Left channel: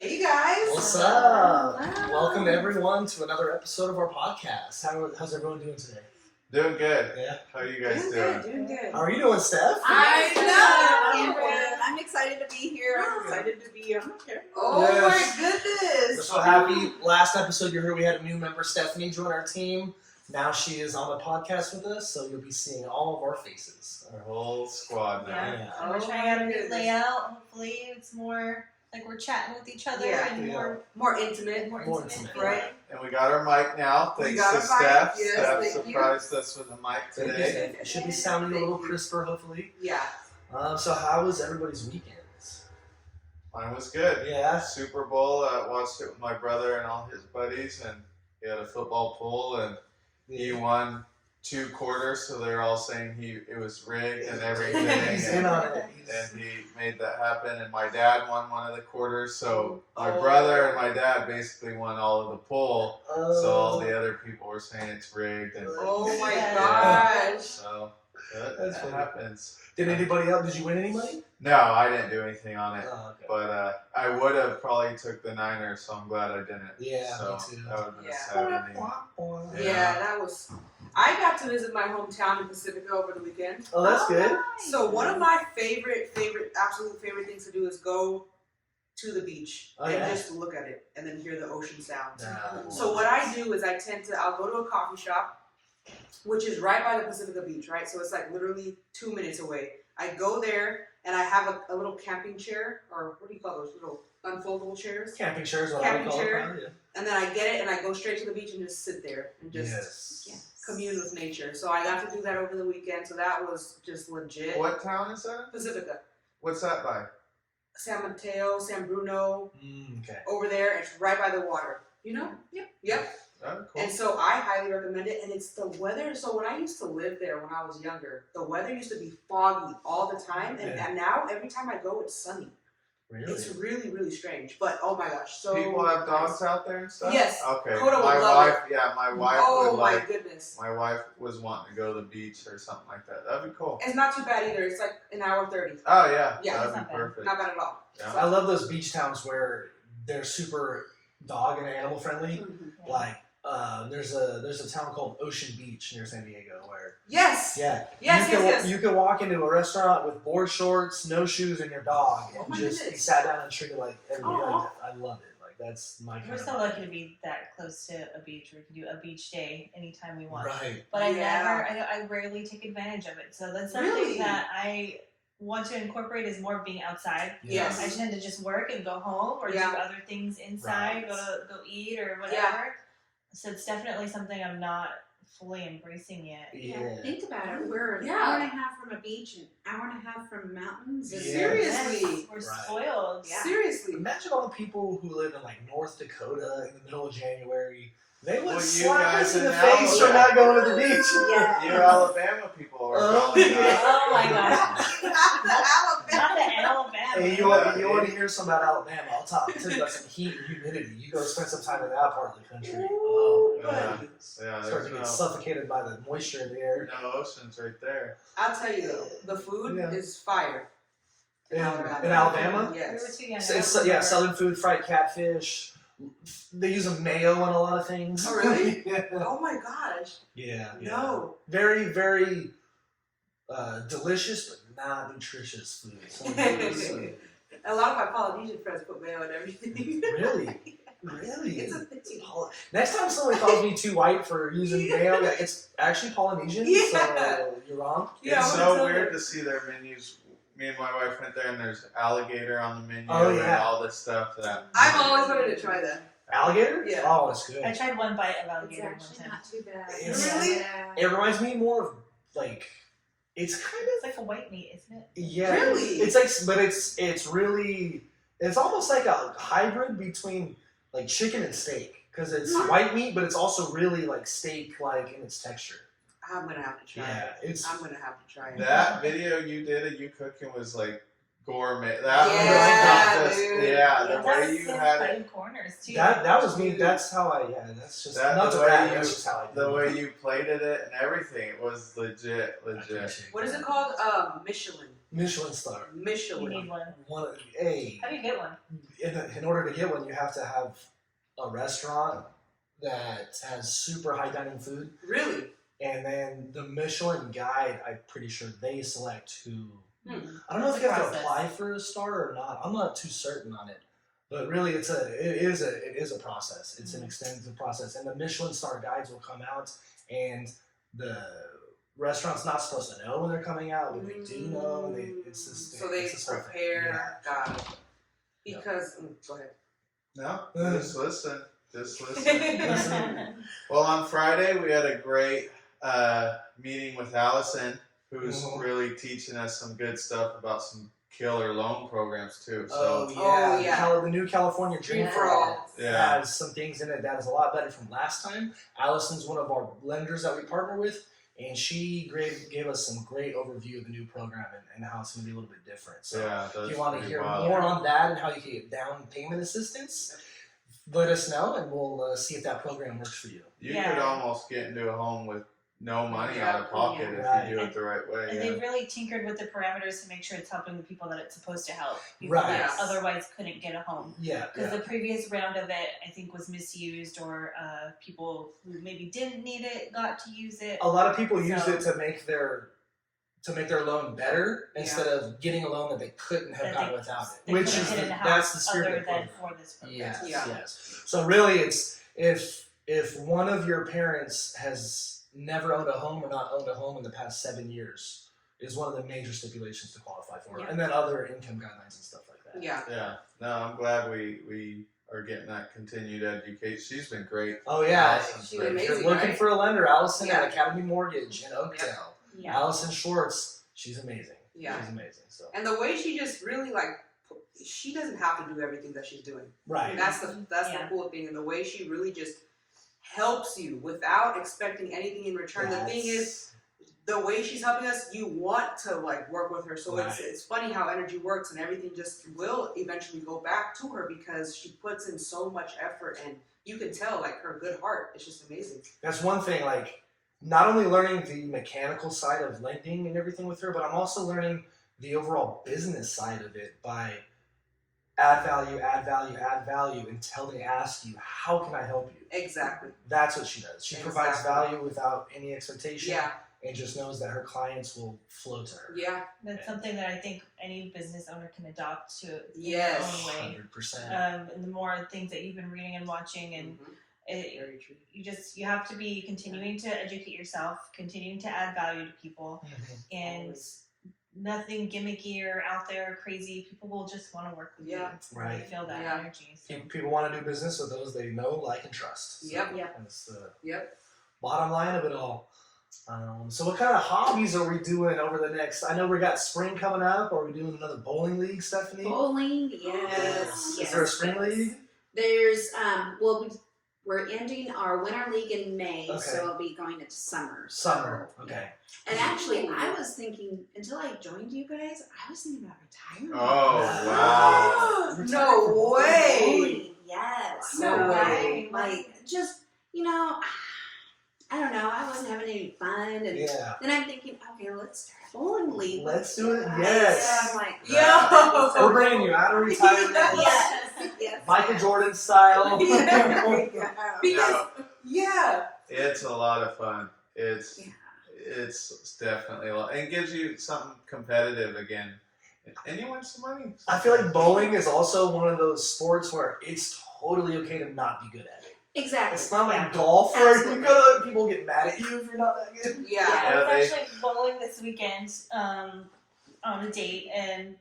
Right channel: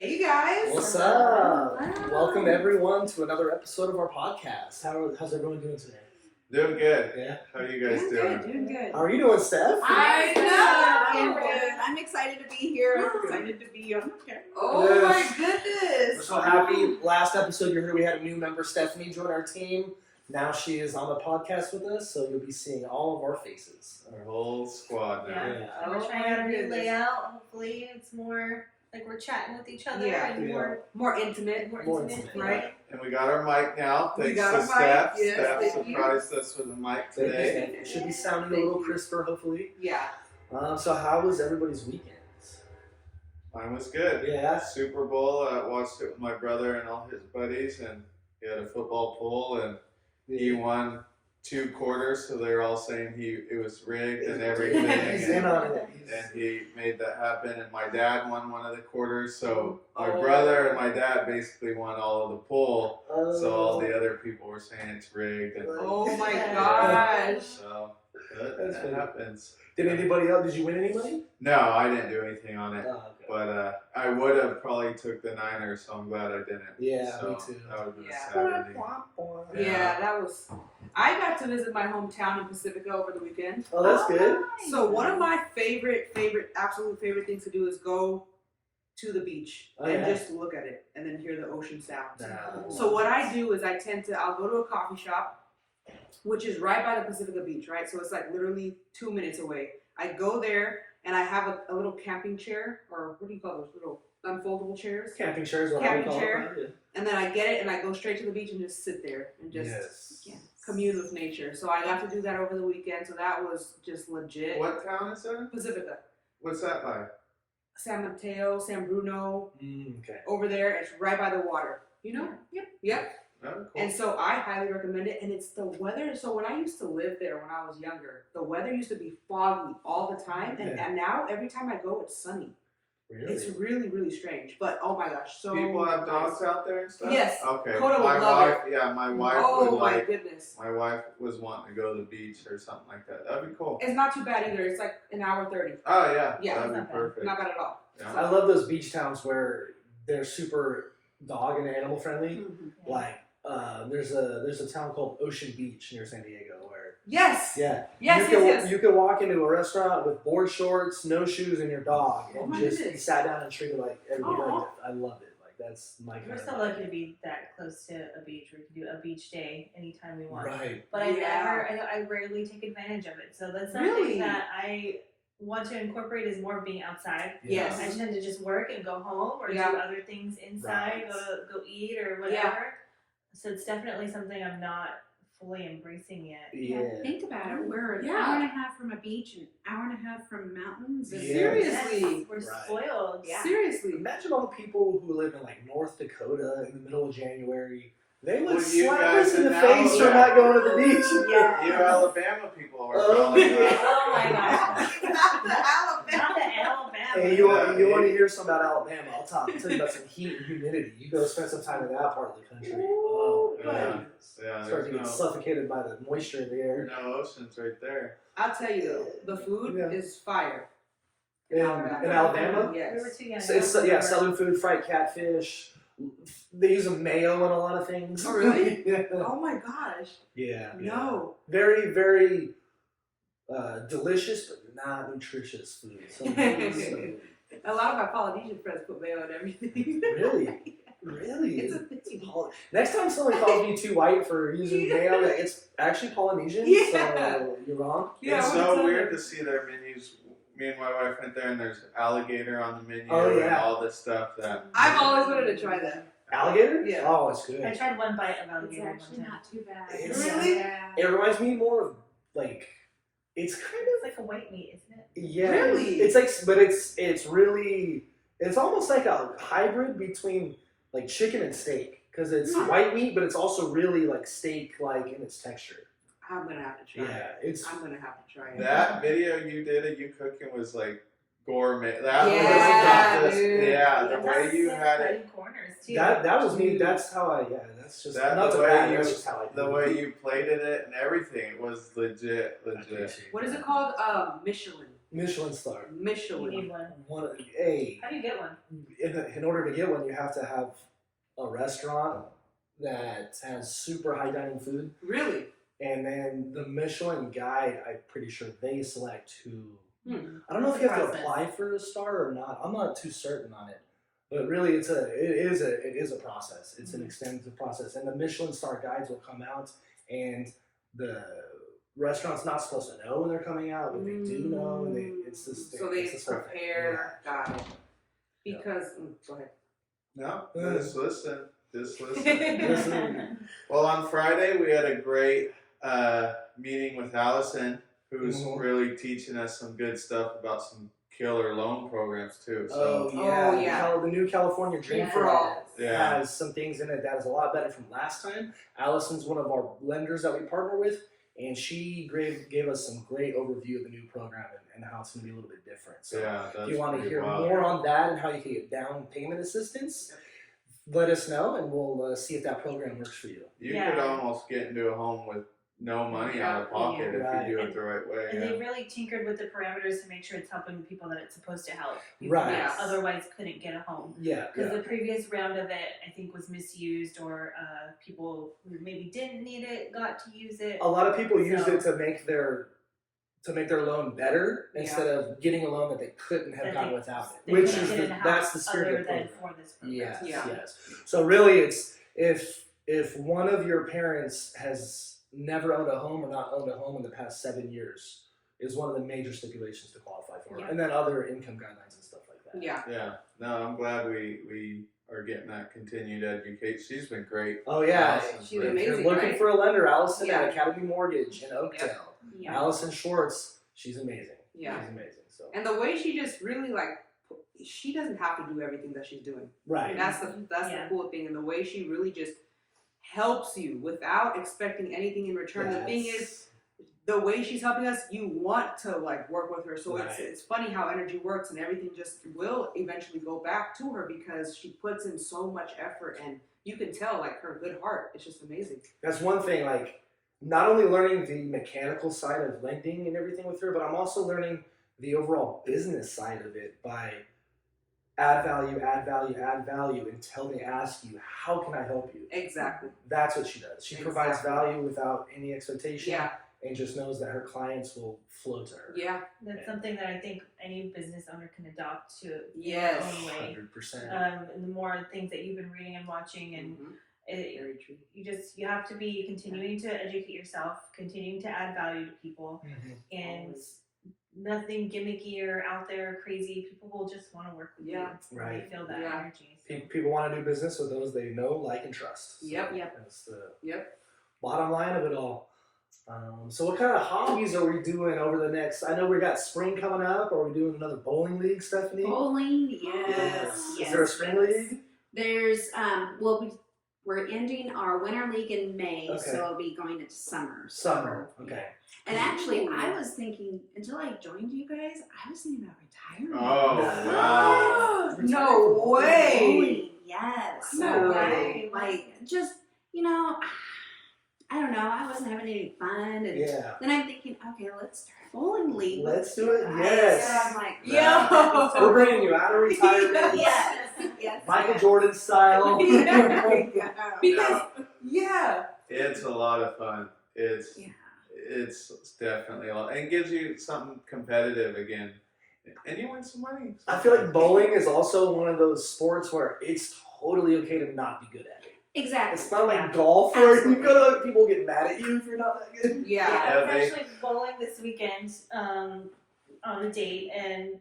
Hey guys! What's up? Welcome everyone to another episode of our podcast. How's everyone doing today? Doing good. Yeah. How are you guys doing? Doing good. How are you doing, Steph? I know! I'm good. I'm excited to be here. I'm excited to be on here. Oh Yes. my We're goodness! so happy. Last episode you heard we had a new member, Stephanie, join our team. Now she is on the podcast with us, so you'll be seeing all of our faces. Our whole squad now. Yeah. And we're Oh trying out my a new goodness. layout. Hopefully, it's more like we're chatting with each other Yeah. and more Intimate. More intimate. intimate. Right. And we got our mic now. We Thanks got to a mic, Steph. yes, Steph thank you. surprised us with a mic today. It should be sounding a little crisper, hopefully. Yeah. So how was everybody's weekends? Mine was good. Yeah. Super Bowl. I watched it with my brother and all his buddies, and he had a football pool, and he won 2 quarters, so they were all saying it was rigged and everything. He's in on it. And he made that happen, and my dad won one of the quarters, so my Oh. brother and my dad basically won all of the pool, so all the other people were saying it's rigged, and Oh my Yeah. gosh. so That's that funny. happens. Did anybody else? Did you win any money? No, I didn't do anything on it, Oh, okay. but I would have probably took the Niners, so I'm glad I didn't. Yeah, so me too. That would have been Yeah. a sad ending. Yeah. Yeah. that was. I got to visit my hometown in Pacifica over the weekend. Oh, that's good. So one of my absolute favorite things to do is go to the beach Oh, and yeah. just look at it and then hear the ocean sounds. Nah. So what I do is I'll go to a coffee shop, which is right by the Pacifica Beach, right? So it's like literally 2 minutes away. I go there and I have a little camping chair, or what do you call those little unfoldable chairs? Camping chairs, what Camping we call chair. it. And then I get it and I go straight to the beach and just sit there and just commune with nature. So I got to do that over the weekend. So that was just legit. What town is that? Pacifica, What's that by? San Mateo, San Bruno, Okay. over there. It's right by the water. You know? Yep. Oh, cool. And so I highly recommend it. And it's the weather. So when I used to live there when I was younger, the weather used to be foggy all the time. And, Yeah. and now every time I go, it's sunny. Really? It's really, really strange. But oh my gosh, so People have nice. dogs out there and stuff? Yes. Okay. Coda would my love wife, yeah, my wife Oh would my like. goodness. My wife was wanting to go to the beach or something like that. That'd be cool. It's not too bad either. It's like an hour 30. Oh yeah, Yeah, that'd it's be not bad. perfect. Not bad at all. Yeah. I love those beach towns where they're super dog and animal friendly. Like, there's a town called Ocean Beach near San Diego where Yes. yeah, Yes, you can walk into a restaurant with board shorts, no shoes, and your dog, Oh and my just be goodness. sat down and treated like everybody. Aw. Like that. I love it. Like that's my kind We're of so lucky to be that close to a beach. We can do a beach day anytime we want. right. But Yeah. I rarely take advantage of it. So that's something Really? that I want to incorporate is more being outside. Yes. I tend to just work and go home or Yeah. do other things inside, Right. go eat or whatever. Yeah. So it's definitely something I'm not fully embracing yet. Yeah. Think about it. We're an Yeah. hour and a half from a beach, an hour and a half from mountains. Yeah. Seriously. We're Right. spoiled. Yeah. Seriously. Imagine all the people who live in like North Dakota in the middle of January. They would Well, you slap guys us in the in face for Alabama. not going to the beach. Yeah. You Alabama people are Oh, probably yeah. not. Oh my gosh. Not the Alabama. Not the Alabama. Hey, you want Yeah. to hear something about Alabama? I'll tell you about some heat and humidity. You go spend some time in that part of the country. Ooh, Oh, Yeah, buddy. yeah. start to get suffocated by the moisture in the air. no oceans right there. I'll tell you though, the food Yeah. is fire. In Alabama? We were Yes. too young. It's yeah, southern food, fried catfish. They use a mayo in a lot of things. Oh, really? yeah. Oh my gosh. Yeah. No. Very, very delicious, but not nutritious food. Some foods, A lot of my Polynesian friends put mayo in everything. really? Really? It's a thing. Next time somebody calls me too white for using mayo, it's actually Polynesian, Yeah. so you're wrong. Yeah, It's I would so tell weird them. to see their menus. Me and my wife went there, and there's alligator on the menu Oh, and yeah. all this stuff. That I've always wanted to try that. Alligator? Yeah. Oh, it's good. I tried one bite of It's alligator one actually time. not too bad. It's- Really? Yeah. It reminds me more of like it's kind It's like a white meat, isn't it? of yeah. Really? It's like, but it's really it's almost like a hybrid between like chicken and steak because it's Huh. white meat, but it's also really like steak like in its texture. I'm gonna have to try Yeah, it. it's I'm gonna have to try it. that video you did of you cooking was like gourmet. That Yeah, was just, dude. yeah, the That's way you so had good it, in corners too. that was me. That's how I that's just That- not the to way brag, you- that's just how I do the it. way you plated it and everything, it was legit. What is it called? Michelin. Michelin star. You Michelin. need one. Hey, How do you get one? in order to get one, you have to have a restaurant that has super high dining food, Really? and then the Michelin Guide. I'm pretty sure they select who. I don't know It's if you a have to process. apply for a star or not. I'm not too certain on it, but really, it is a process. It's an extensive process, and the Michelin star guides will come out, and the restaurant's not supposed to know when they're coming out, but they do know, and it's this. So they it's this whole thing. prepare. Yeah. Got it. Because go ahead. No, just listen. Just listen. Listen. Well, on Friday we had a great meeting with Allison, who's Mhm. really teaching us some good stuff about some killer loan programs too. So Oh, yeah. The new California Dream Dream for for All All. Yeah. has some things in it that is a lot better from last time. Allison's one of our lenders that we partner with, and she gave us some great overview of the new program and how it's going to be a little bit different. So yeah, that's if you want to pretty hear wild. more on that and how you can get down payment assistance, let us know, and we'll see if that program works for you. You Yeah. could almost get into a home with no money out of pocket if Right. you do it the right way. And Yeah. they've really tinkered with the parameters to make sure it's helping the people that it's supposed to help. People Right. that Yes. otherwise couldn't get a home. Yeah. Because the previous round of it, I think, was misused, or people who maybe didn't need it got to use it. A lot of people used So- it to make their loan better instead of getting a loan that they couldn't have That gotten they- without it. They Which couldn't is get in the that's the house spirit other of the than program. for this program. Yes, Yeah. yes. So really, it's if one of your parents has never owned a home or not owned a home in the past 7 years, is one of the major stipulations to qualify for it, Yeah. and then other income guidelines and stuff like that. Yeah. Yeah. No, I'm glad we are getting that continued education. She's been great. Oh yeah, Allison's She's been- if you're amazing, looking right? for a lender, Allison Yeah. at Academy Mortgage in Oakdale. Yeah. Allison Schwartz, she's amazing. Yeah. She's amazing. So And the way she just really she doesn't have to do everything that she's doing. right. That's the Yeah. cool thing, and the way she really just helps you without expecting anything in return. The thing is, the way she's helping us, you want to work with her. So Right. it's funny how energy works, and everything just will eventually go back to her because she puts in so much effort, and you can tell her good heart. It's just amazing. That's one thing, not only learning the mechanical side of lending and everything with her, but I'm also learning the overall business side of it by add value until they ask you, how can I help you? Exactly. That's what she does. She provides Exactly. value without any expectation Yeah. and just knows that her clients will flow to her. Yeah. That's something that I think any business owner can adopt to Yes. in their own way. 100%. And the more things that you've been reading and watching, and Mhm. it, Very true. you have to be continuing to educate yourself, continuing to add value to people, Mhm. and Always. nothing gimmicky or out there or crazy. People will just want to work with Yeah. you. Right. They feel that Yeah. energy. So. People want to do business with those they know, like, and trust. So Yep. Yep. That's the Yep. bottom line of it all. So what kind of hobbies are we doing over the next? I know we got spring coming up. Are we doing another bowling league, Stephanie? Bowling, yes. Is there a spring league? There's we're ending our winter league in May, Okay. so I'll be going into summer. Summer. So, Okay. And actually, I was thinking until I joined you guys, I was thinking about retiring. Oh wow. No way. Bowling, yes. No So, way. Like just I don't know. I wasn't having any fun, and Yeah. then I'm thinking, okay, let's start a bowling league. Let's do it. guys. Yes. So I'm like, Yo. We're bringing you out of retirement, yes. Michael Jordan style. Because yeah. It's a lot of fun. Yeah. It's definitely a lot. And it gives you something competitive again. And you win some money. I feel like bowling is also one of those sports where it's totally okay to not be good at it. Exactly. It's not like Yeah. golf where Absolutely. people get mad at you if you're not that good. Yeah. Yeah, I was actually bowling this weekend on a date, and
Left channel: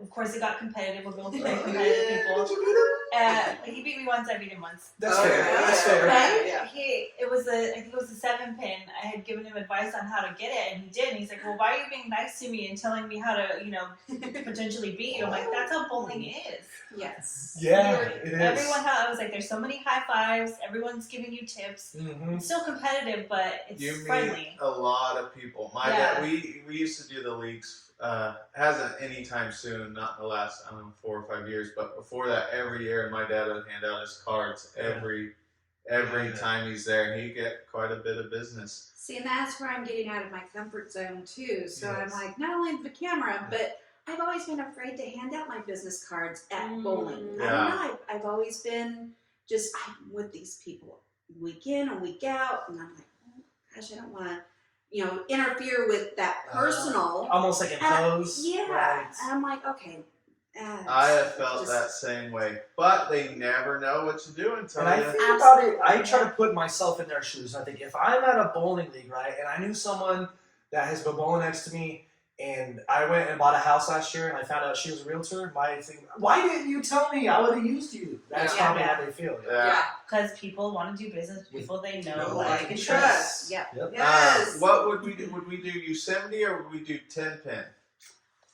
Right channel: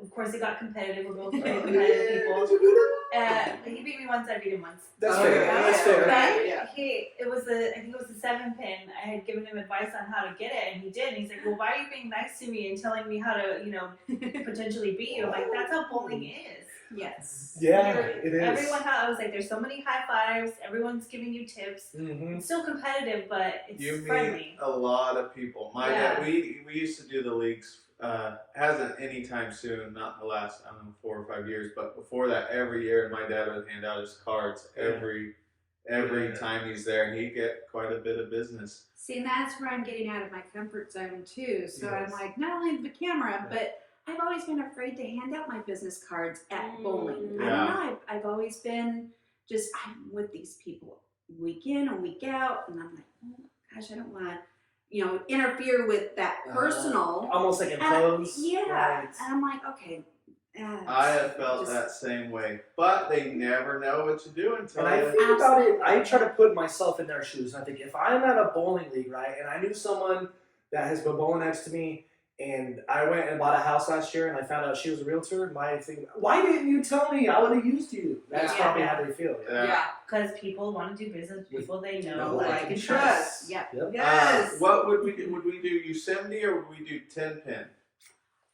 of course it got competitive. We're both very competitive people. Did you beat him? He beat me once, I beat him once. That's Oh, fair. yeah. That's fair. Yeah. But I think it was a 7 pin. I had given him advice on how to get it, and he did. And he's like, "Well, why are you being nice to me and telling me how to, potentially beat you?" I'm like, "That's how bowling is." Yes. Yeah, You're- it is. I was like, "There's so many high fives. Everyone's giving you tips. Mm-hmm. It's still competitive, but it's You meet friendly." a lot of people. My Yeah. dad, we used to do the leagues. Hasn't anytime soon, not in the last 4 or 5 years, but before that, every year, my dad would hand out his cards every time he's there, and he get quite a bit of business. See, and that's where I'm getting out of my comfort zone too. So I'm Yes. like, not only the camera, but I've always been afraid to hand out my business cards at bowling. I Yeah. don't know. I've always been just I'm with these people week in and week out, and I'm like, oh gosh, I don't want to, interfere with that personal. Almost like impose. Yeah, Right. and I'm like, okay. I have felt just- that same way, but they never know what to do until And I you. think about it, I try to put myself in their shoes. I think if I'm at a bowling league, right, and I knew someone that has been bowling next to me, and I went and bought a house last year, and I found out she was a realtor, my thing, why didn't you tell me? I would have used you. That's Yeah. probably how they feel. Yeah. Because people want to do business with people they know, like, like, and and trust. trust. Yeah. Yep. Yes. What would we do? Would we do Yosemite or would we do 10 pin?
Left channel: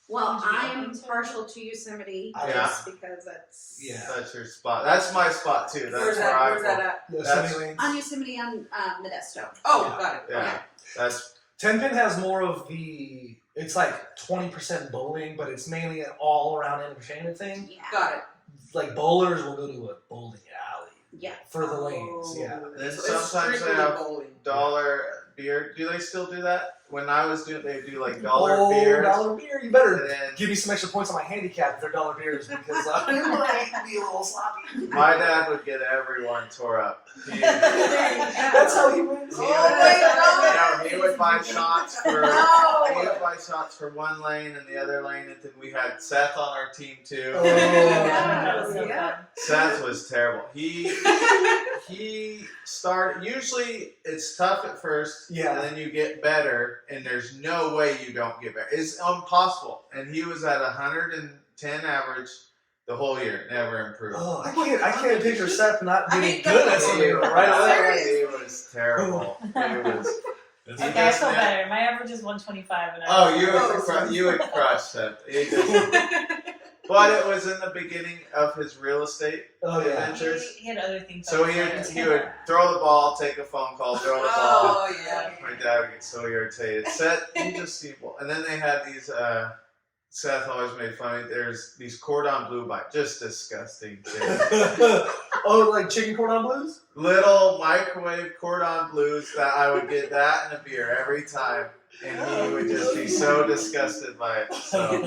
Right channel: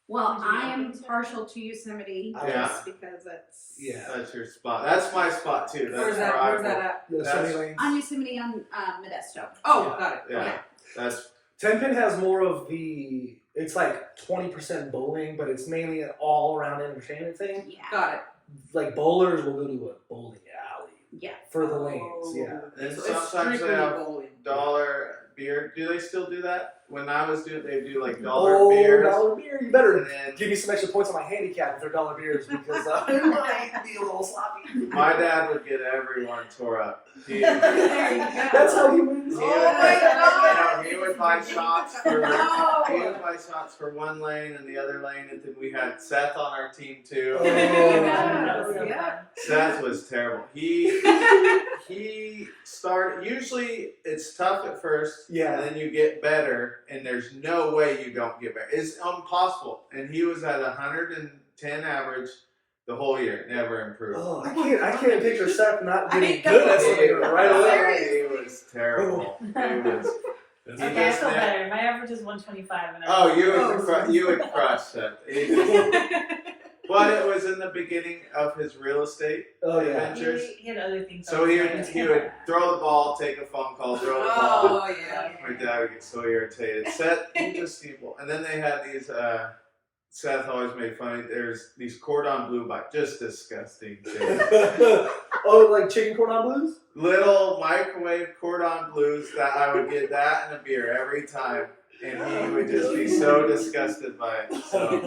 Well, Would you be I'm open to it? partial to Yosemite Yeah. just because that's Yeah. That's your spot. That's my spot too. That's Where's where that? I Where's go. that at? Yosemite That's- Lanes. on Yosemite on Modesto. Oh, Yeah. got it. Yeah. Okay. That's 10 pin has more of the, it's like 20% bowling, but it's mainly an all around entertainment thing. Yeah. Got it. Like bowlers will go to a bowling alley Yeah. for the lanes. Oh. Yeah. And So it's sometimes they strictly have bowling. dollar beer. Do they still do that? When I was doing, they do like dollar Oh, beers. dollar beer. You better And then give me some extra points on my handicap if they're dollar beers because I might be a little sloppy. my dad would get everyone tore up. He, That's how he wins. He Oh would, my God. no, he would buy shots for No. he would buy shots for one lane and the other lane, and then we had Seth on our team too. Oh, That was so Yeah. fun. Seth was terrible. He started. Usually, it's tough at first, Yeah. and then you get better, and there's no way you don't get better. It's impossible. And he was at 110 average the whole year, never improved. Oh, I can't picture Seth not I getting hate good that. at something right away. He was terrible. He was. He Okay, I just feel had- better. My average is 125. And Oh, you Oh. would you would crush Seth. He just- but it was in the beginning of his real estate Oh yeah. adventures. He had other things. So on he his would mind. he would throw the ball, take a phone call, throw the ball. Oh yeah. My dad would get so irritated. Seth, he just seemed, and then they had these. Seth always made fun of. There's these cordon bleu bite, just disgusting kids. Oh, like chicken cordon blues? Little microwave cordon bleus that I would get that and a beer every time, and he would just be so disgusted by it. So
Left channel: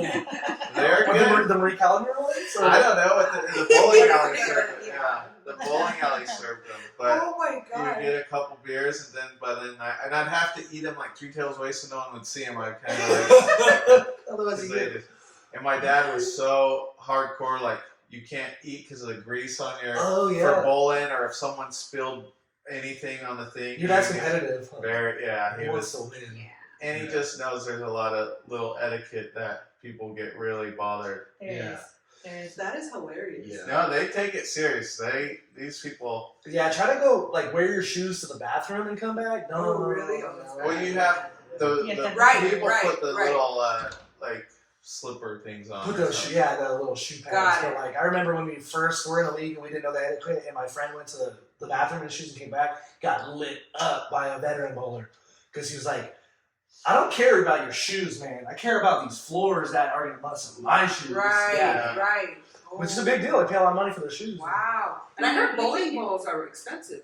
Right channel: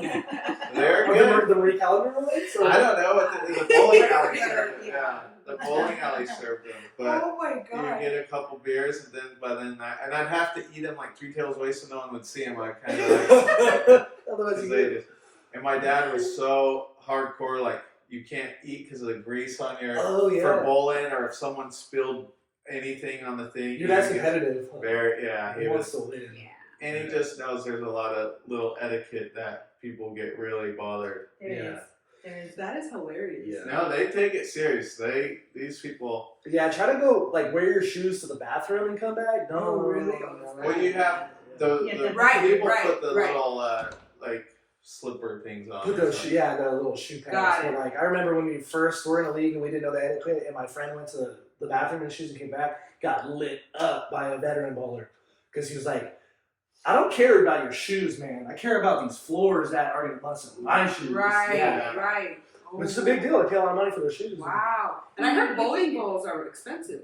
they're Or good. the Marie Callender ones? Or- I don't know what the bowling alley served them. Yeah, the bowling alley served them, but. Oh my You would God. get a couple beers, and then by then I'd have to eat them like 3 tails away so no one would see them. I kind of like, Otherwise, 'cause you they get just, and my dad was so hardcore, like you can't eat because of the grease on your oh for yeah. bowling, or if someone spilled anything on the thing. Your dad's you get competitive. Huh? Very, yeah, He he wants was, to win. and he just knows there's a lot of little etiquette that people get really bothered. There Yeah. is. There is. That is hilarious. Yeah. No, they take it serious. These people. Yeah, try to go like wear your shoes to the bathroom and come back. No, Oh, really? no, Oh, that's no. Well, you have the Yeah, the Right, people right, put the right. little like slipper things on. Put or those, something. yeah, the little shoe Got pads. it. But like, I remember when we first were in a league and we didn't know the etiquette, and my friend went to the bathroom in shoes and came back, got lit up by a veteran bowler because he was like, "I don't care about your shoes, man. I care about these floors that are gonna bust up my shoes." Right. Yeah, Right. Oh. which is a big deal. I pay a lot of money for their shoes. Wow. And I heard bowling balls are expensive.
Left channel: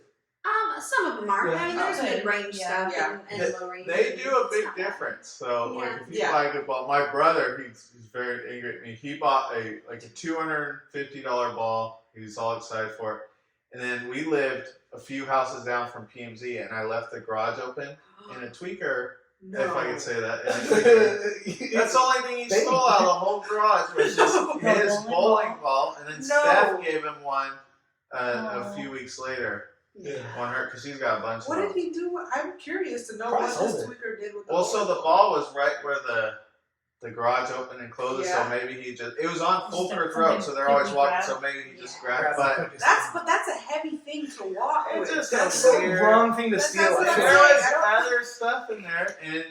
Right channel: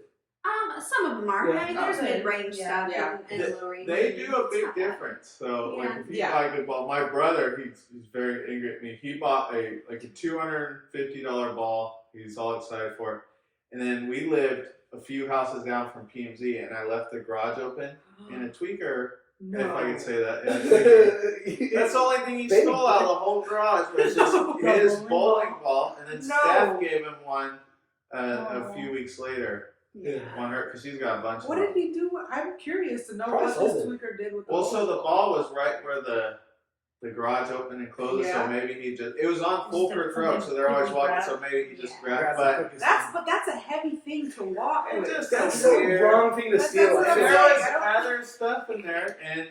Some of them are. Yeah. I mean, there's Okay. mid-range Yeah. stuff Yeah. and low range. They do a It's big not bad. difference. So like Yeah. if you Yeah. buy a good ball, my brother he's very angry at me. He bought a $250 ball. He was all excited for it. And then we lived a few houses down from PMZ, and I left the garage open, and a tweaker, if I can say that, and a tweaker, that's the only thing he Baby. stole out of the whole garage was just No. his Bowling bowling ball. And then No. Steph gave him one a Oh. few weeks later Yeah. on her because she's got a bunch What of did them. he do? I'm curious to know Probably what this sold it. tweaker did with the Well, so bowling the ball was right where the garage opened and closed, Yeah. so maybe he just it was on Just Fulker's a Road, fucking so they're always quick walking, grab. so maybe he just Yeah. grabbed. Grab the But quickest thing. That's a heavy thing to walk It with. just- That's the weird. wrong thing to That's- steal. that's there what I'm was saying. I don't- other stuff in there, and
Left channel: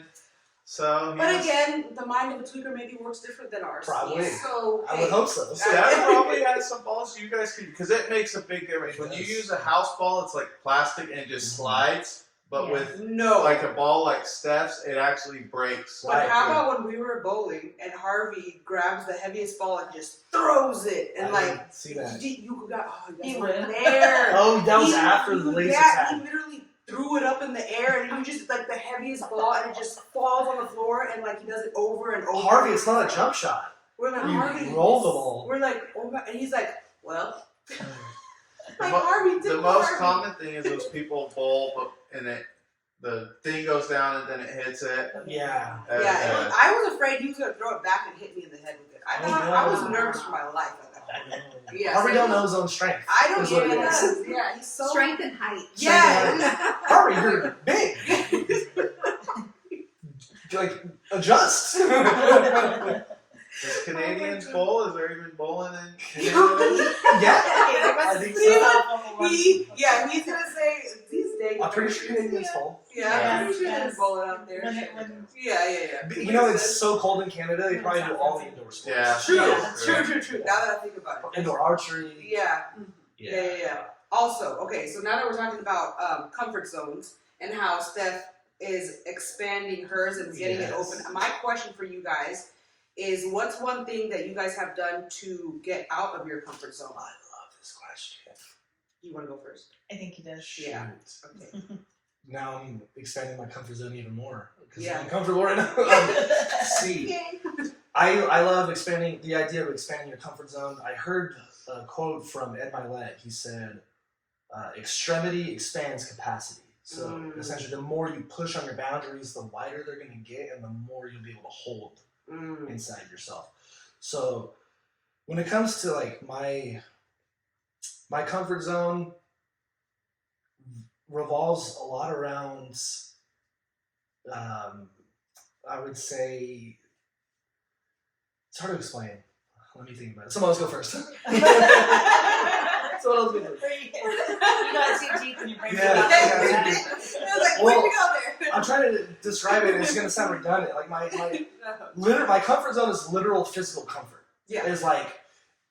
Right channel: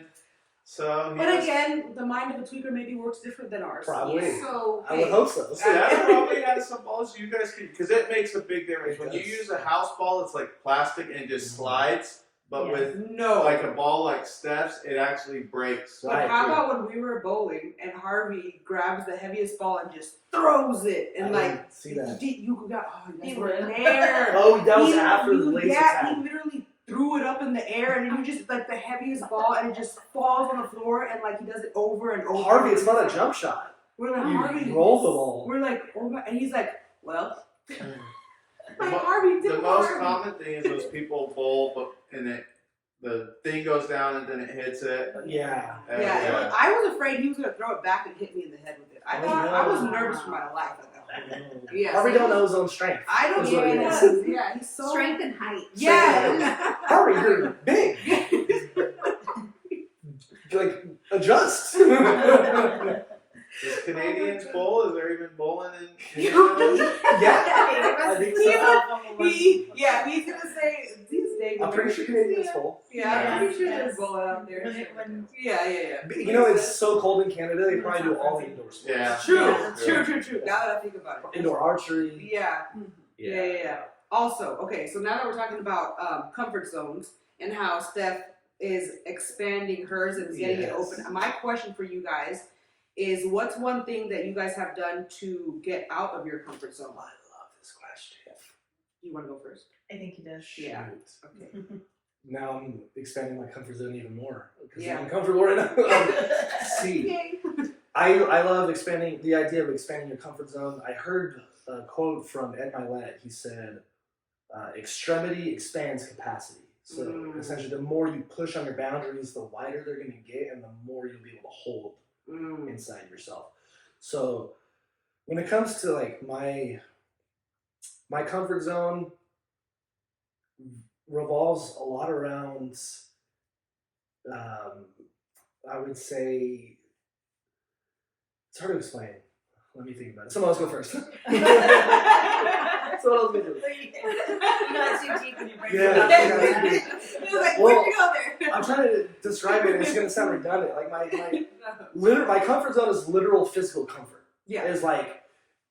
so he But was, again, the mind of a tweaker maybe works different than ours. Probably. So I would hey, hope so. Steph probably has some balls you guys can, because it makes a big difference. It When you does. use a house ball, it's like plastic and it just Mhm. slides. But Yeah. with No. like a ball like Steph's, it actually breaks. But Right. how about when we were bowling and Harvey grabs the heaviest ball and just throws it and I like didn't see that. you got you He guys weren't would. there. Oh, that was He- after the you- laser yeah, tag. he literally threw it up in the air and you just like the heaviest ball and it just falls on the floor and like he does it over and over. Harvey, it's not a jump shot. We're like You Harvey. roll the ball. We're like oh my, and he's like well. The, Like mo- Harvey, the typical most Harvey. common thing is those people bowl, but the thing goes down and then it hits it. Yeah. Yeah, I was afraid he was gonna throw it back and hit me in the head with it. I Oh, thought no. I was nervous for my life at that point. Yeah, Harvey so don't he- know his own strength. I don't Is know what it what is. it is. Yeah, he's so Strength and height. Yeah. Harvey, you're big. Like, adjust. Does Canadians bowl? Is there even bowling in Yeah. I think he's gonna say these days. I'm pretty sure Canadians bowl. Yeah, I'm pretty sure Yes. there's bowling out there. When Yeah. You know, it's so cold in Canada, they probably do all indoor sports. Yeah. True, Yeah. true. Now that I think about it. Indoor archery. Yeah. Also, okay, so now that we're talking about comfort zones and how Steph is expanding hers and getting it Yes. open, my question for you guys is what's one thing that you guys have done to get out of your comfort zone? I love this question. You want to go first? I think he does. Yeah. Shoot. Okay. Now I'm expanding my comfort zone even more. Because Yeah. I'm comfortable right now. See. Yay. I love expanding the idea of expanding your comfort zone. I heard a quote from Ed Milet. He said, "Extremity expands capacity." So essentially, the more you push on your boundaries, the wider they're going to get, and the more you'll be able to hold inside yourself. So when it comes to like my comfort zone, revolves a lot around. I would say. It's hard to explain. Let me think about it. Someone else go first. Someone else go first. You gotta see deep when you break Yeah. it up. I was like, Well, where'd you go there? I'm trying to describe it. And it's gonna sound redundant. Like my comfort zone is literal physical comfort. Yeah. Is like,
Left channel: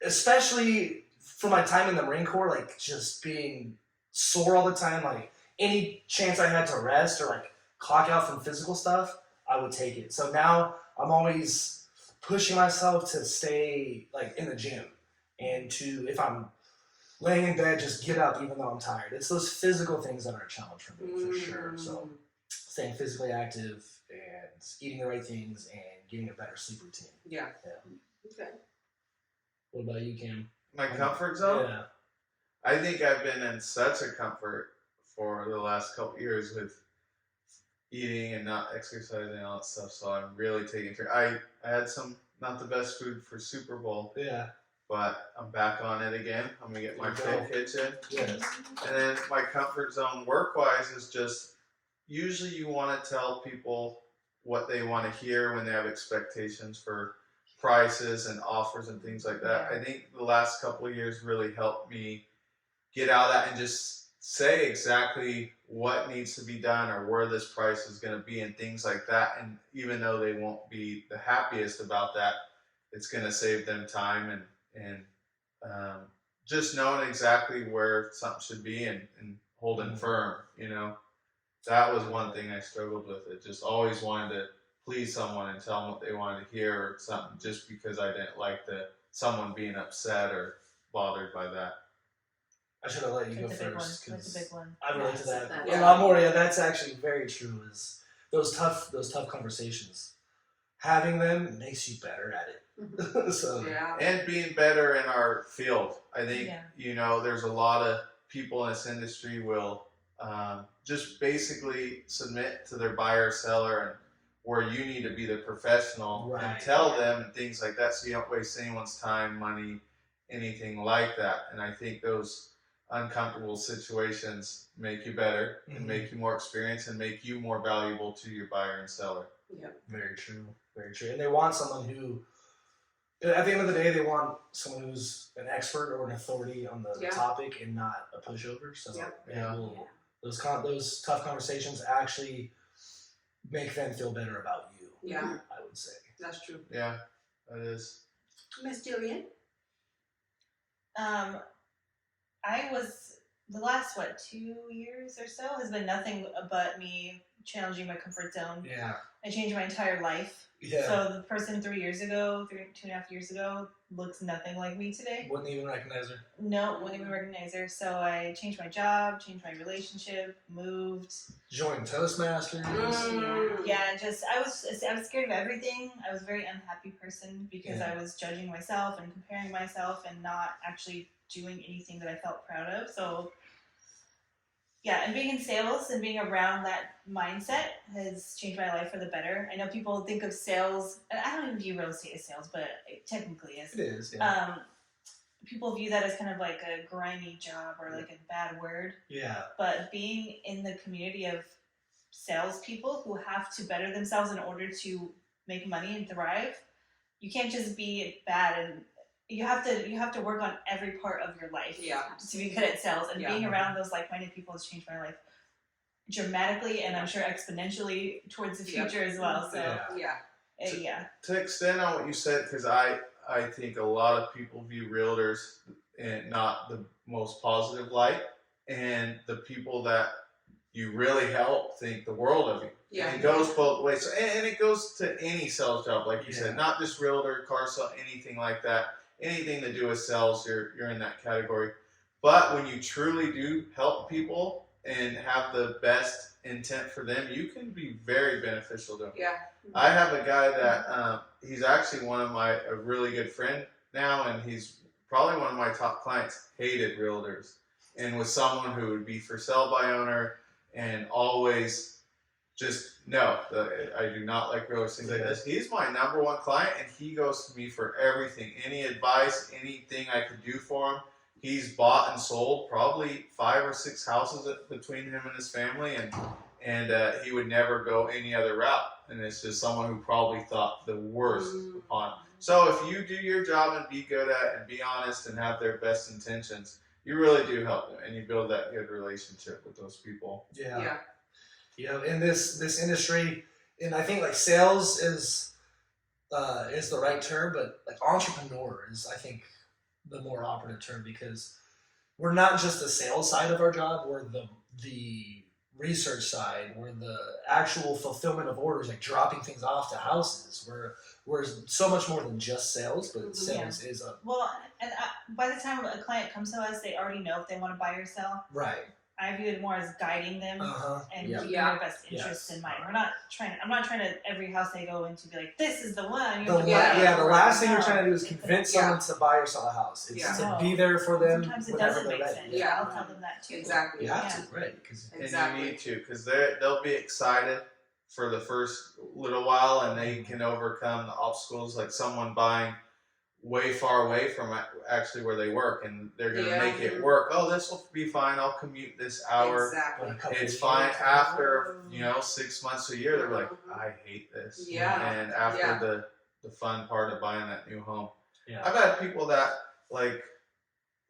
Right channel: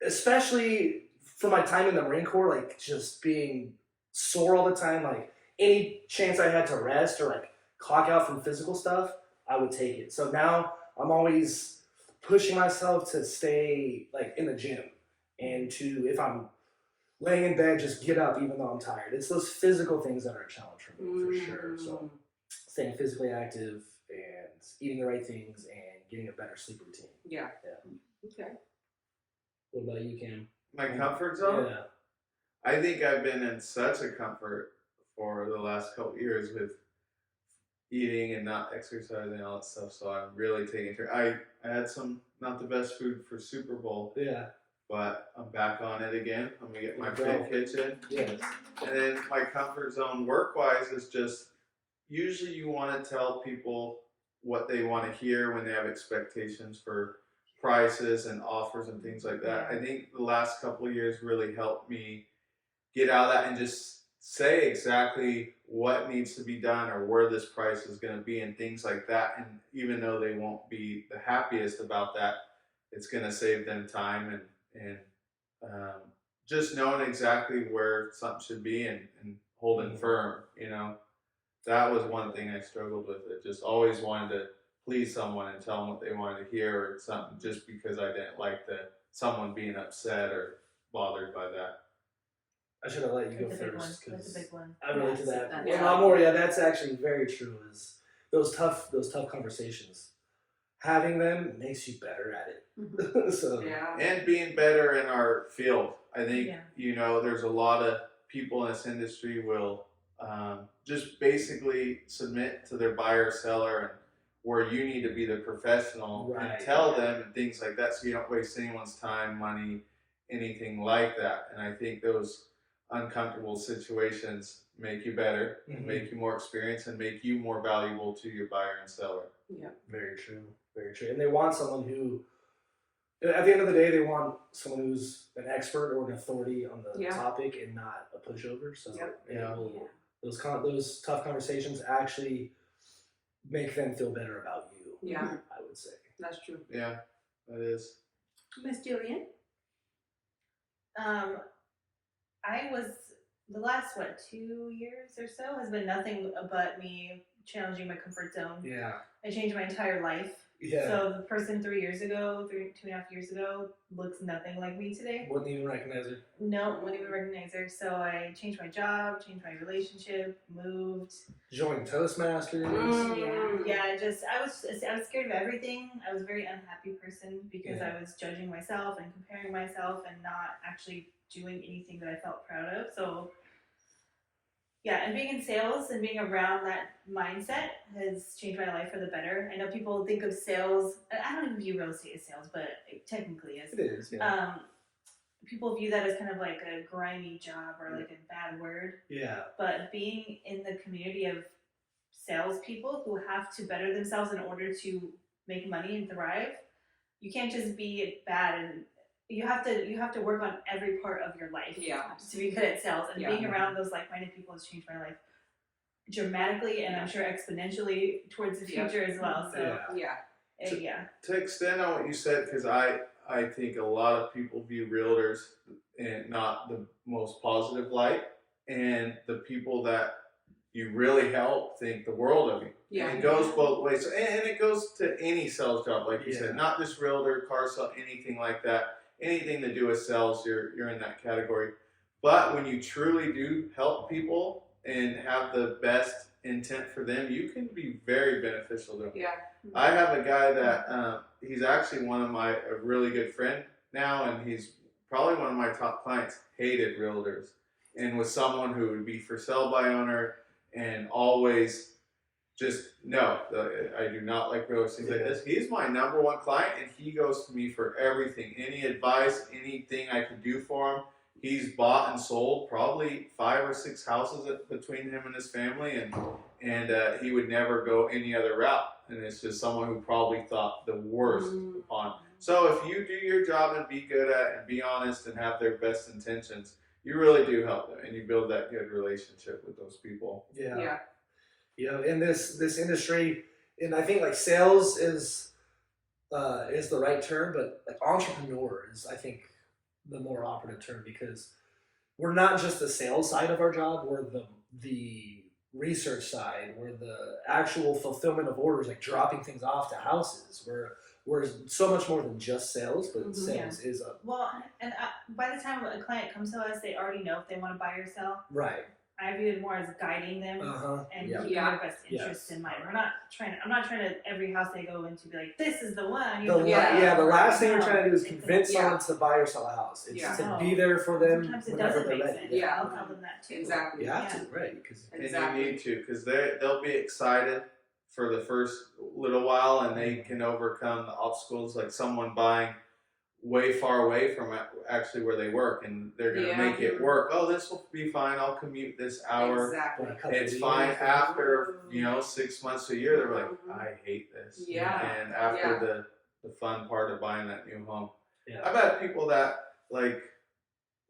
especially for my time in the Marine Corps, like just being sore all the time. Like any chance I had to rest or like clock out from physical stuff, I would take it. So now I'm always pushing myself to stay like in the gym and to, if I'm laying in bed, just get up even though I'm tired. It's those physical things that are a challenge for me for sure. So staying physically active and eating the right things and getting a better sleep routine. Yeah. Yeah. Okay. What about you, Cam? My comfort zone? Yeah. I think I've been in such a comfort for the last couple years with eating and not exercising and all that stuff. So I'm really taking care. I had some not the best food for Super Bowl, Yeah. but I'm back on it again. I'm gonna get my There you go. fit kitchen. Yes. And then my comfort zone work wise is just usually you want to tell people what they want to hear when they have expectations for prices and offers and things like that. I think the last couple of years really helped me get out of that and just say exactly what needs to be done or where this price is going to be and things like that. And even though they won't be the happiest about that, it's going to save them time and just knowing exactly where something should be and holding firm, you know. That was one thing I struggled with. It just always wanted to please someone and tell them what they wanted to hear or something just because I didn't like someone being upset or bothered by that. I should have let you go That's a big one. first That's a because big one. I relate to that Yeah. a lot more. Yeah, that's actually very true. Is those tough conversations. Having them makes you better at it. So Yeah. And being better in our field. I think, Yeah. you know, there's a lot of people in this industry will just basically submit to their buyer or seller and where you need to be the professional Right. and tell them and things like that so you don't waste anyone's time, money, anything like that. And I think those uncomfortable situations make you better and make you more experienced and make you more valuable to your buyer and seller. very true, very true. And they want someone who, at the end of the day, they want someone who's an expert or an authority on the Yeah. topic and not a pushover. So Yep. Yeah. those tough conversations actually make them feel better about you. Yeah. I would say. That's true. Yeah, that is. Miss Jillian? I was the last 2 years or so has been nothing but me challenging my comfort zone. Yeah. I changed my entire life. Yeah. So the person 3 years ago, 2.5 years ago, looks nothing like me today. Wouldn't even recognize her. No, wouldn't even recognize her. So I changed my job, changed my relationship, moved. Joined Toastmasters. Yeah, I was scared of everything. I was a very unhappy person because I was judging myself and comparing myself and not actually doing anything that I felt proud of. So yeah, and being in sales and being around that mindset has changed my life for the better. I know people think of sales, and I don't even view real estate as sales, but it technically is. It is, yeah. People view that as kind of like a grimy job or like a bad word. Yeah. But being in the community of salespeople who have to better themselves in order to make money and thrive, you can't just be bad, and you have to work on every part of your life to be good at sales. And being around those like-minded people has changed my life dramatically, and I'm sure exponentially towards the future as well. So To extend on what you said, because I think a lot of people view realtors in not the most positive light, and the people that you really help think the world of you. Yeah. And it goes both ways. And it goes to any sales job, like you said, not just realtor, car sale, anything like that. Anything to do with sales, you're in that category. But when you truly do help people and have the best intent for them, you can be very beneficial to them. Yeah. I have a guy that he's actually a really good friend now, and he's probably one of my top clients. Hated realtors, and was someone who would be for sale by owner and always just no, I do not like realtors, things like this. He's my number one client, and he goes to me for everything, any advice, anything I could do for him. He's bought and sold probably 5 or 6 houses between him and his family, and he would never go any other route. And it's just someone who probably thought the worst upon. So if you do your job and be good at and be honest and have their best intentions, you really do help them, and you build that good relationship with those people. Yeah. In this industry, and I think like sales is the right term, but like entrepreneur is, I think, the more operative term, because we're not just the sales side of our job, we're the research side, we're the actual fulfillment of orders, like dropping things off to houses. We're so much more than just sales, but sales is a by the time a client comes to us, they already know if they want to buy or sell. right. I view it more as guiding them and keeping their best interests in mind. I'm not trying to every house they go into be like, this is the one. The last thing we're trying to do is convince someone to buy or sell a house. It's to be there for them. Sometimes it whenever doesn't they're make ready. sense. Yeah. I'll tell them that too. Exactly. You have to, right? Because And you need to, because they'll be excited for the first little while, and they can overcome the obstacles, like someone buying way far away from actually where they work, and they're going to make it work. Oh, this will be fine. I'll commute this hour. Exactly. It's fine. After 6 months to a year, they're like, I hate this. Yeah. And after the fun part of buying that new home, yeah. I've had people that like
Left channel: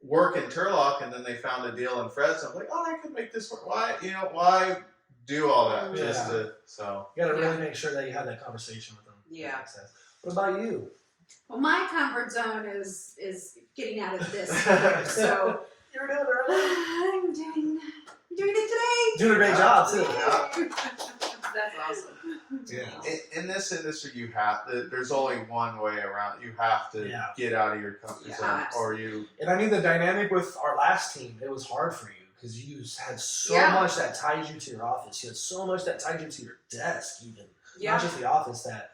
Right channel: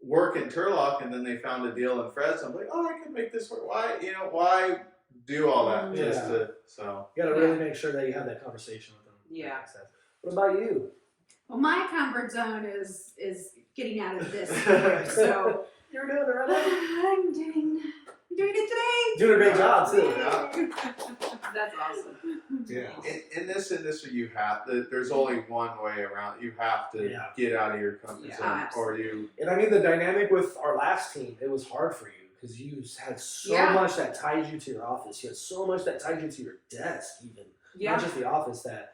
work in Turlock, and then they found a deal in Fresno. I'm like, oh, I could make this work. Why do all that just to so? You got to really make sure that you have that conversation with them. Yeah. What about you? Well, my comfort zone is getting out of this. So You're doing it right now. I'm doing it today. Doing a great job too. That's awesome. Yeah. In this industry, there's only one way around. You have to get out of your comfort zone, or you. And I mean, the dynamic with our last team, it was hard for you because you had so much that tied you to your office. You had so much that tied you to your desk, even not just the office. That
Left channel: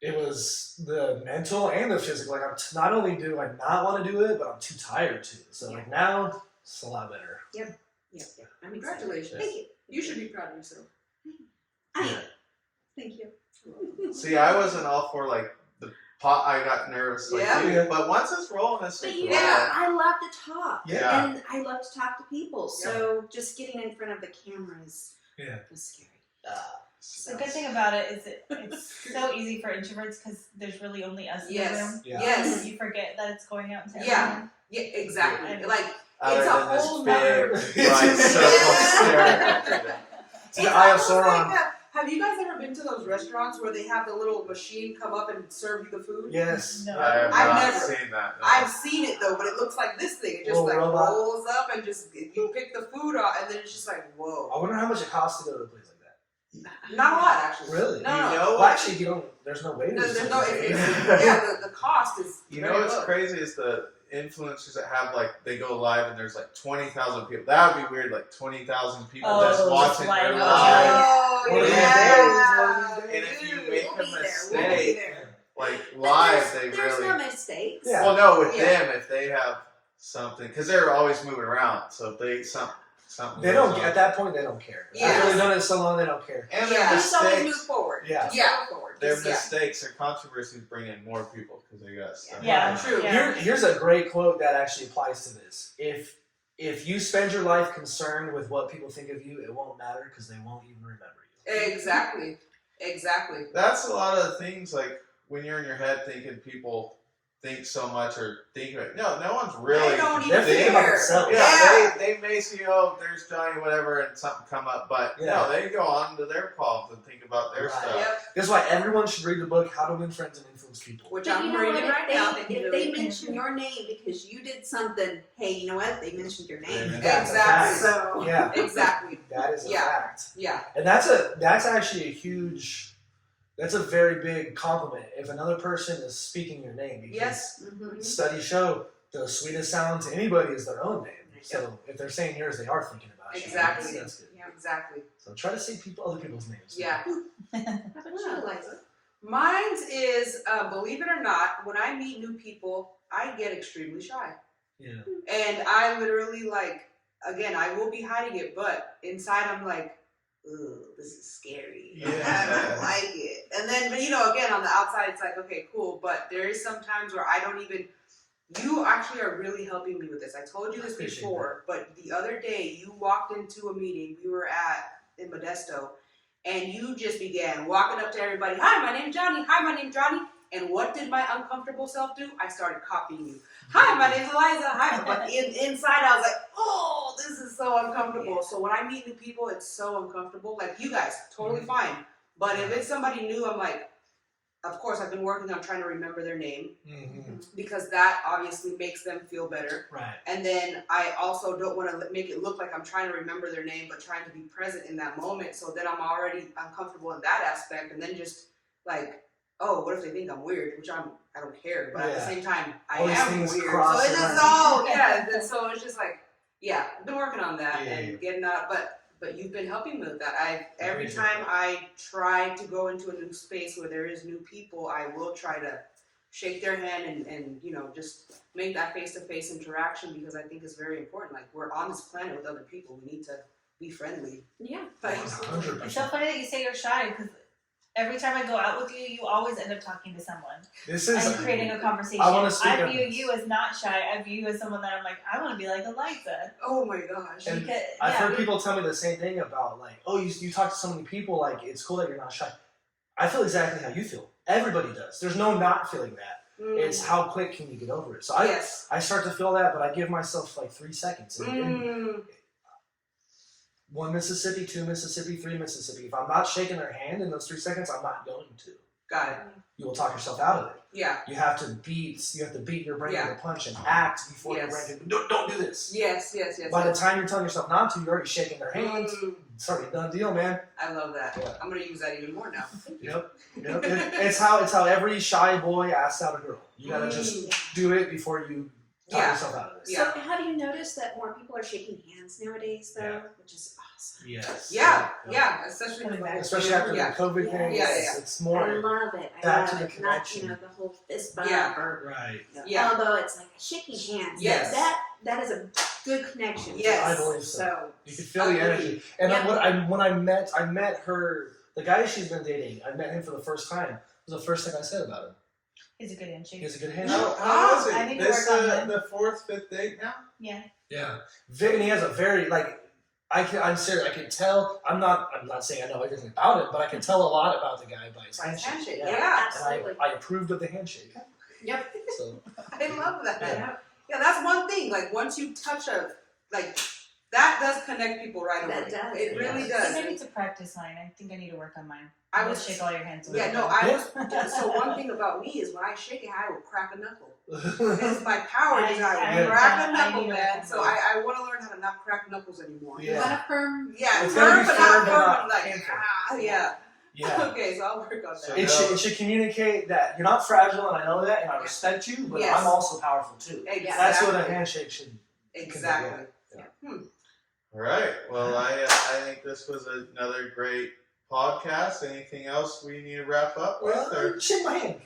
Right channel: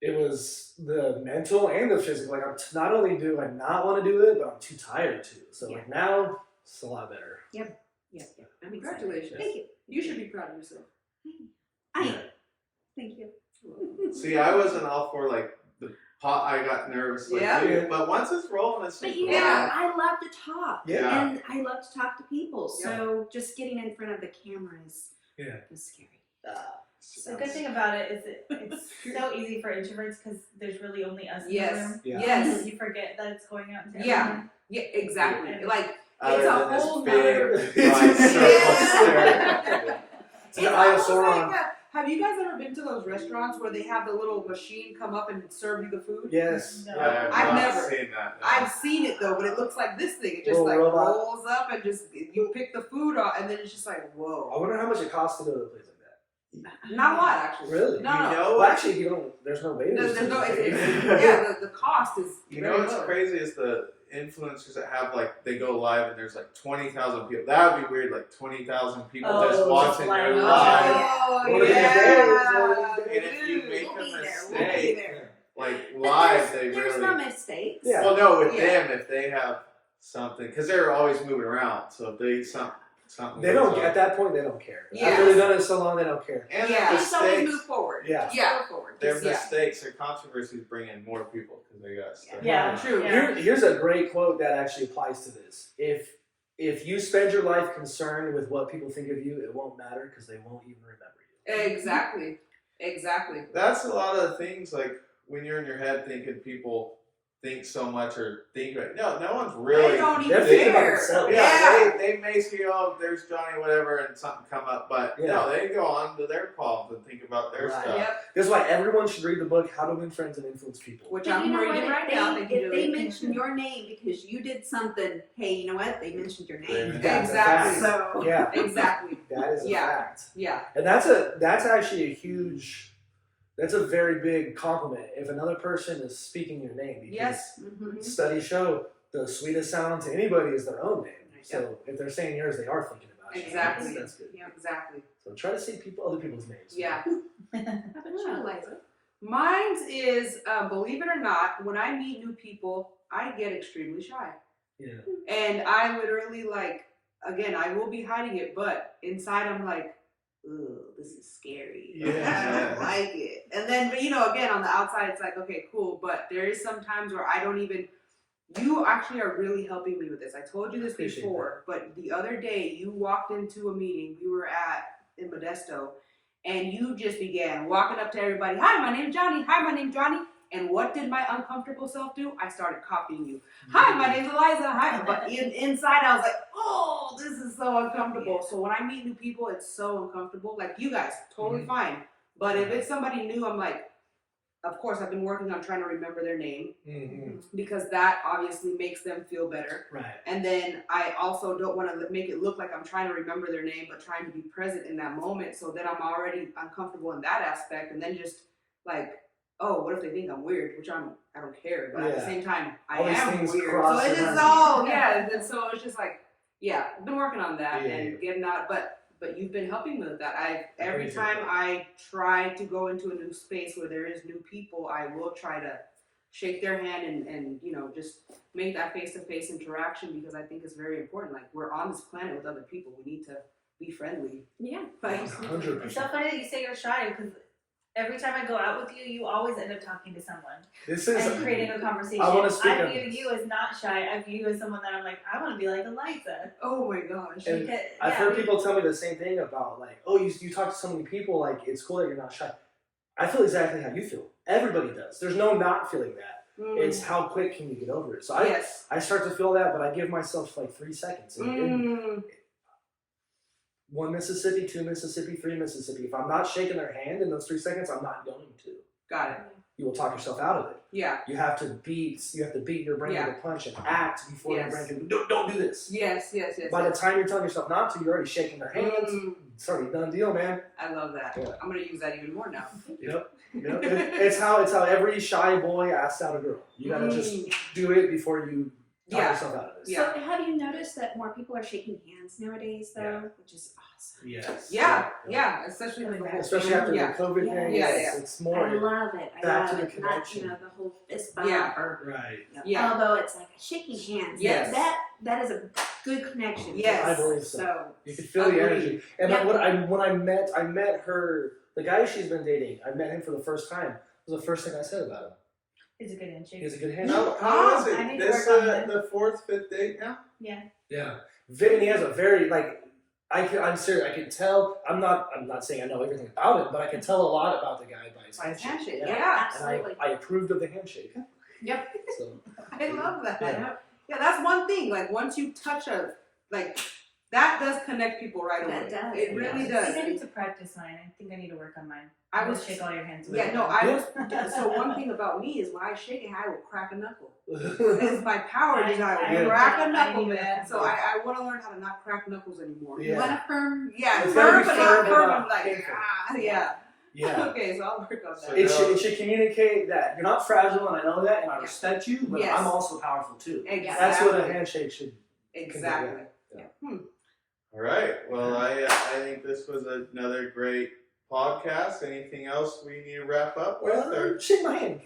it was the mental and the physical. Like, not only do I not want to do it, but I'm too tired to. So like now, it's a lot better. Yep. I'm excited. Congratulations. Thank you. You should be proud of yourself. Thank you. See, I wasn't all for like the pot. I got nervous, like you. But once it's rolling, it's But just I love to talk. Yeah. And I love to talk to people. So just getting in front of the camera is scary. The good thing about it is it's so easy for introverts because there's really only us in the room. Yeah. Yes. You forget that it's going out to Yeah. everyone. Yeah, exactly. Like, other it's a than this whole big nother- giant circle staring at you. It's the Eye of almost Sauron. like Have you guys ever been to those restaurants where they have the little machine come up and serve you the food? Yes. No. I have I've not never- seen that. No. I've seen it though, but it looks like this thing. It just Little like robot. rolls up and just you pick the food off, and then it's just like whoa. I wonder how much it costs to go to a place like that. Not a lot actually. Really? No. You no. know Well, what? actually, you don't. There's no way. There's no. Yeah. Yeah, the cost is. You know very what's low. crazy is the influencers that have like they go live and there's like 20,000 people. That would be weird, like 20,000 people Oh, just just watching live. their Oh, live. Oh One of these yeah. days, And if you make We'll a be there. mistake, Yeah. like But live, there's, they there's really. no mistakes. Yeah. Well, no, with Yeah. them, if they have something, because they're always moving around, so if they something. They don't. goes on. At that point, they don't care. Yeah. I've really done it so long, they don't care. And Yeah. their Just always move mistakes, forward. Yeah. Just Yeah. go forward. their Just- mistakes, their controversies bring in more people because they got stuff. Yeah. True. Yeah. Here's a great quote that actually applies to this. If you spend your life concerned with what people think of you, it won't matter because they won't even remember you. Exactly. Exactly. That's a lot of things. Like when you're in your head thinking people think so much or think like no one's really. They don't They're even thinking about care. themselves. Yeah, they may see, oh, there's Johnny, whatever, and something come up, but Yeah. no, they go on to their problems and think about their Right. stuff. Yep. That's why everyone should read the book How to Win Friends and Influence People. Which But I'm you know what? reading right If now. they, Thank you, if they Julie. mention your name because you did something, hey, you know what? They mentioned your name. That's a Exactly. fact. So Yeah, Exactly. that is a Yeah. fact. Yeah. And that's actually a huge, that's a very big compliment if another person is speaking your name. Because Yes. mhm. studies show the sweetest sound to anybody is their own name. So if they're saying yours, they are thinking about you. Exactly. That's good. Yeah. Exactly. So try to say other people's names. Yeah. How about you, Eliza? Mine's is, believe it or not, when I meet new people, I get extremely shy. Yeah. And I literally, like, again, I will be hiding it, but inside I'm like, ooh, this is scary. Yeah. I don't like it. And then, but, you know, again, on the outside, it's like, okay, cool. But there is some times where I don't even, you actually are really helping me with this. I told you this Appreciate before, but the other day you walked into a meeting we were at in Modesto, and you just began walking up to everybody. Hi, my name's Johnny. Hi, my name's Johnny. And what did my uncomfortable self do? I started copying you. Hi, my name's Eliza. Hi. But inside, I was like, oh, this is so uncomfortable. So when I meet new people, it's so uncomfortable. Like you guys, totally fine. But if it's somebody new, I'm like, of course, I've been working on trying to remember their name Mm-hmm. because that obviously makes them feel better. Right. And then I also don't want to make it look like I'm trying to remember their name, but trying to be present in that moment. So then I'm already uncomfortable in that aspect. And then just like, oh, what if they think I'm weird? Which I don't care. But at the Yeah. same time, I All these am things weird. cross So it's their just, mind. oh, yeah. And so it's just like, yeah, I've been working on that Yeah. and getting out. But you've been helping me with that. Every Very time good. I try to go into a new space where there is new people, I will try to shake their hand and you know, just make that face-to-face interaction because I think it's very important. Like, we're on this planet with other people. We need to be friendly. Yeah. Like, 100%. It's so funny that you say you're shy because every time I go out with you, you always end up talking to someone This is. and creating a conversation. I wanna speak I on view this. you as not shy. I view you as someone that I'm like, I want to be like Eliza. oh my gosh. And Because, I've yeah, heard people tell me the same thing about like, oh, you talk to so many people, like it's cool that you're not shy. I feel exactly how you feel. Everybody does. There's no not feeling that. It's how quick can you get over it. So yes. I start to feel that, but I give myself like 3 seconds. And 1 Mississippi, 2 Mississippi, 3 Mississippi. If I'm not shaking their hand in those 3 seconds, I'm not going to. Got it. You will talk yourself out of it. Yeah. You have to beat your brain Yeah. with a punch and act before your Yes. brain can don't do this. Yes. By the time you're telling yourself not to, you're already shaking their hands. Mm, It's already done deal, man. I love that. Yeah. I'm gonna use that even more now. Yep. It's how every shy boy asks out a girl. You gotta just do it before you talk Yeah. yourself out of this. Yeah. So have you noticed that more people are shaking hands nowadays, though, Yeah. which is awesome. Yes. Yeah. Especially with the whole Especially after yeah. the COVID Yeah. thing, Yeah, it's I more love it. I back love to the it. Not, connection. the whole fist bump Yeah. or right. Yeah. elbow. It's like shaking hands. Yes. That is a good connection. Yes. I believe so. So You can feel the Agreed. energy. And Yeah. when I met her, the guy she's been dating. I met him for the first time. It was the first thing I said about him. It's a good handshake. He's a good hand. How is I it? need to This work on that. the fourth, fifth date now? Yeah. Yeah. And he has a very I'm serious. I can tell. I'm not saying I know everything about him, but I can tell a lot about the guy by his By his handshake. handshake, yeah. absolutely. And I approved of the handshake. Yep. So I love that. Yeah. Yeah, that's one thing. Like once you touch that does connect people right away. That does, It it really does. I does. think I need to practice mine. I think I need to work on mine. I would was shake all your hands. Yeah, no, I Yeah. was. So one thing about me is when I shake it, I will crack a knuckle. It's my power is I I- will crack I a knuckle, need to man. work So on I want to learn how to not crack knuckles anymore. Yeah. You want a firm? Yeah, It's firm, gotta be but firm, not but firm. not I'm like, painful. yeah. Yeah. Okay, so I'll work on that. So It should communicate that you're not fragile, and I know that, and I Yeah. respect you, but Yes. I'm also powerful too. Exactly. That's what a handshake should. Exactly. All right. Well, I think this was another great podcast. Anything else we need to wrap up with? Or? Shake my hand.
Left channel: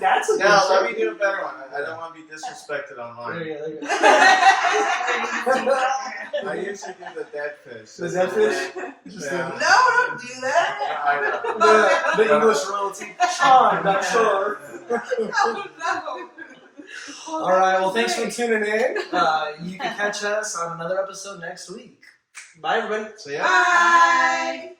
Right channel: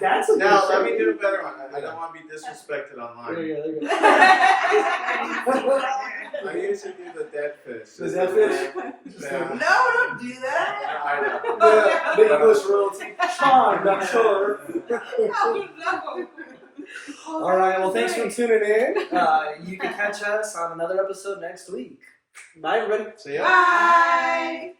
That's a Now, good let me shake. do a better one. I don't want to be disrespected online. There you go. There you go. I used to do the dead fish. The dead fish? Yeah. No, don't do that. I know. The English royalty. Sean, not sure. Oh, no. All right. Well, thanks for tuning in. You can catch us on another episode next week. Bye, everybody. So yeah. Bye.